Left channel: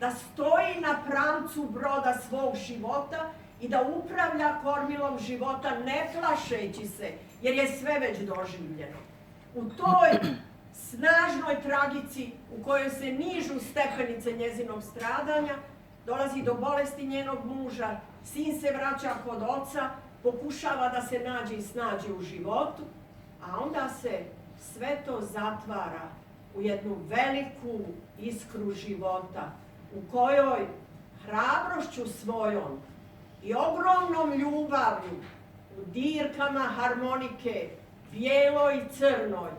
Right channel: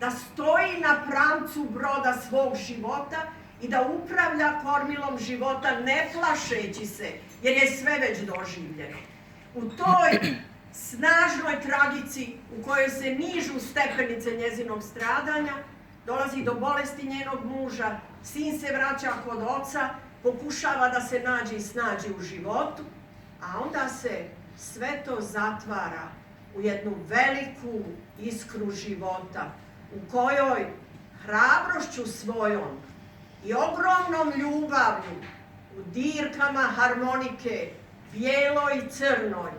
da stoji na pramcu broda svog života i da upravlja kormilom života ne plašeći se, jer je sve već doživljeno. U toj snažnoj tragici u kojoj se nižu stepenice njezinog stradanja, dolazi do bolesti njenog muža, sin se vraća kod oca, pokušava da se nađe i snađe u životu, a onda se sve to zatvara u jednu veliku iskru života u kojoj hrabrošću svojom i ogromnom ljubavlju u dirkama harmonike, bijeloj i crnoj,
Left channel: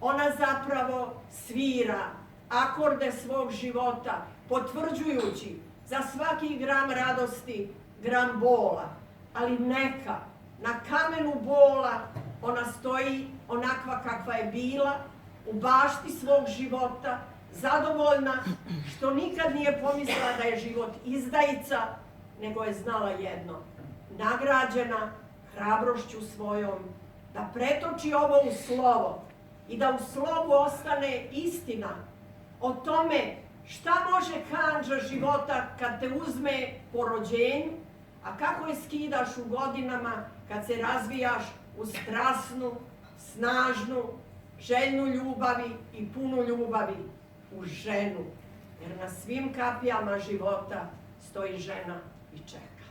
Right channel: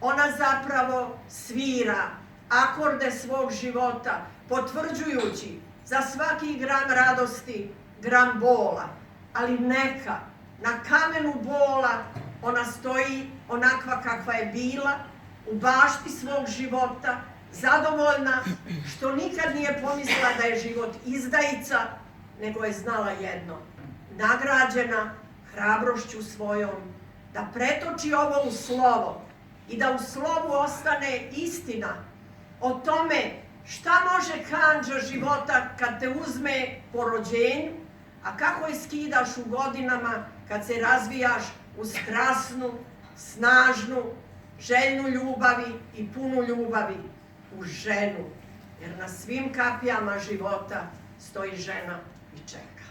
ona zapravo svira akorde svog života, potvrđujući za svaki gram radosti gram bola. Ali neka, na kamenu bola ona stoji onakva kakva je bila, u bašti svog života, zadovoljna što nikad nije pomislila da je život izdajica, nego je znala jedno, nagrađena hrabrošću svojom, da pretoči ovo u slovo i da u slovu ostane istina o tome šta može kandža života kad te uzme po rođenju, a kako je skidaš u godinama kad se razvijaš u strasnu, snažnu, željnu ljubavi i punu ljubavi u ženu. Jer na svim kapijama života stoji žena i čeka.